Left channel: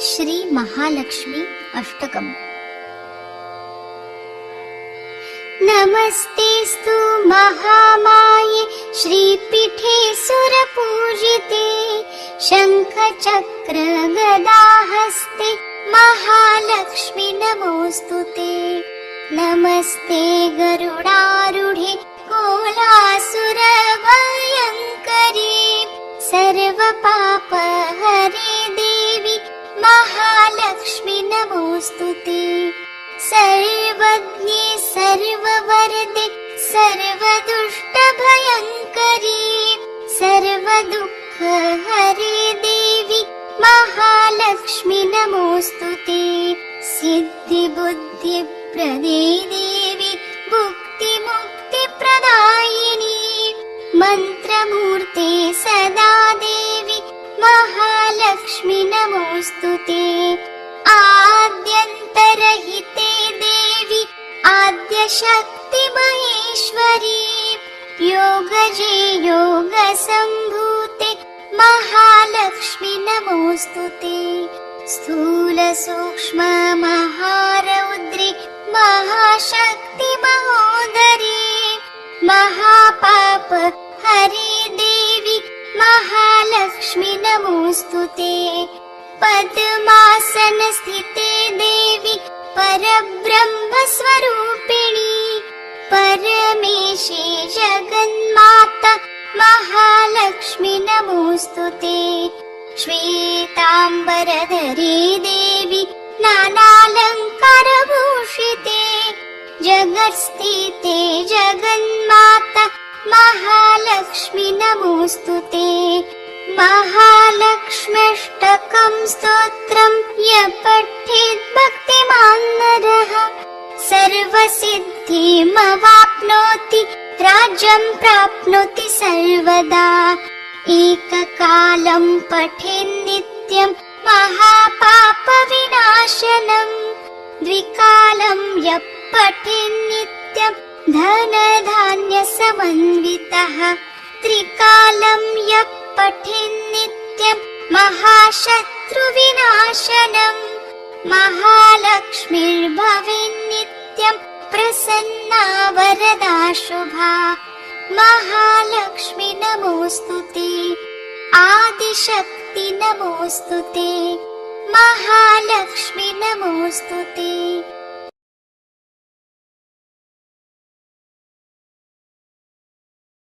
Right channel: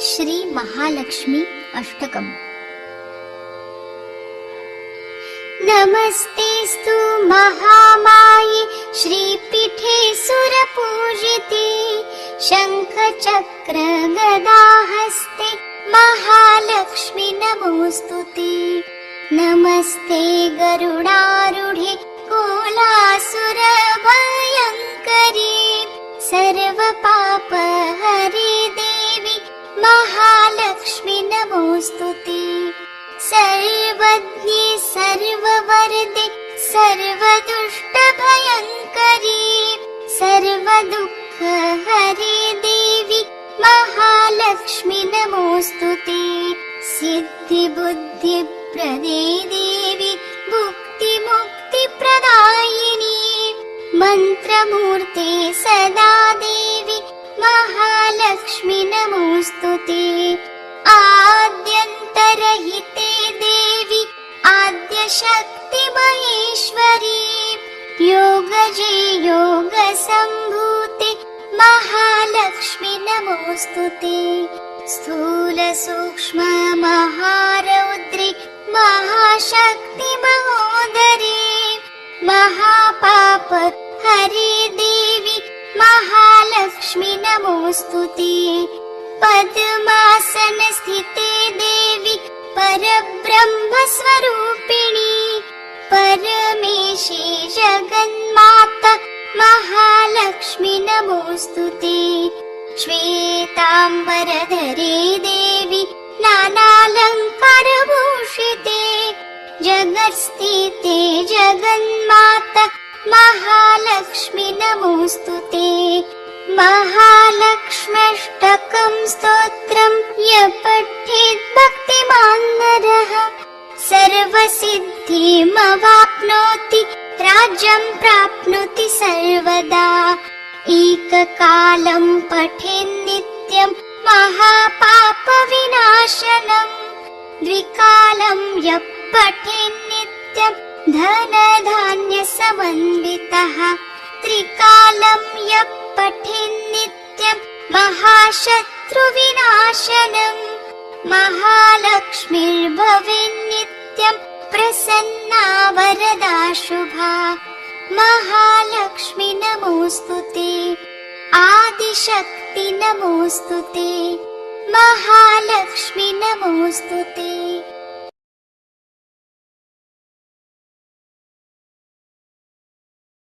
श्री महालक्ष्मी अष्टकम्। नमस्तेस्तु महामाये श्रीपीठे सुरपूजिते, शङ्खचक्र गदाहस्ते महालक्ष्मी नमोऽस्तुते। नमस्ते गरुडारूढे कोलासुरभयङ्करी, सर्वपापहरे देवी महालक्ष्मी नमोऽस्तुते। सर्वज्ञे सर्ववरदे सर्वदुष्टभयङ्करी, सर्वदुःखहरे देवी महालक्ष्मी नमोऽस्तुते। सिद्धिबुद्धिप्रदे देवी मुक्तिमुक्तिप्रदायिनी, मन्त्रमूर्ते सदा देवी महालक्ष्मी नमोऽस्तुते। आद्यन्तरहिते देवी आद्यशक्ति महेश्वरी, योगजे योगसम्भूते महालक्ष्मी नमोऽस्तुते। स्थूल सूक्ष्म महारौद्रे महाशक्ति महोदरे, महापाप हरे देवी महालक्ष्मी नमोऽस्तुते। पद्मासन स्थिते देवी परब्रह्म स्वरूपिणी, परमेशे जगन्माता महालक्ष्मी नमोऽस्तुते। श्वेताम्बरधरे देवी नानालङ्कारभूषिते, जगत्स्थिते जगन्माता महालक्ष्मी नमोऽस्तुते। महालक्ष्म्यष्टकं स्तोत्रम् यः पठेत् भक्तिमान् नरः, सर्वसिद्धिमवाप्नोति राज्यं प्राप्नोति सर्वदा। एककालं पठेन्नित्यं महापापविनाशनम्, द्विकालं यः पठेन्नित्यं धनधान्यसमन्वितः, त्रिकालं यः पठेन्नित्यं महाशत्रुविनाशनम्, महालक्ष्मीर्भवेन्नित्यं प्रसन्ना वरदा शुभा। महालक्ष्मी नमोऽस्तुते। आदिशक्ति नमोऽस्तुते। महालक्ष्मी नमोऽस्तुते।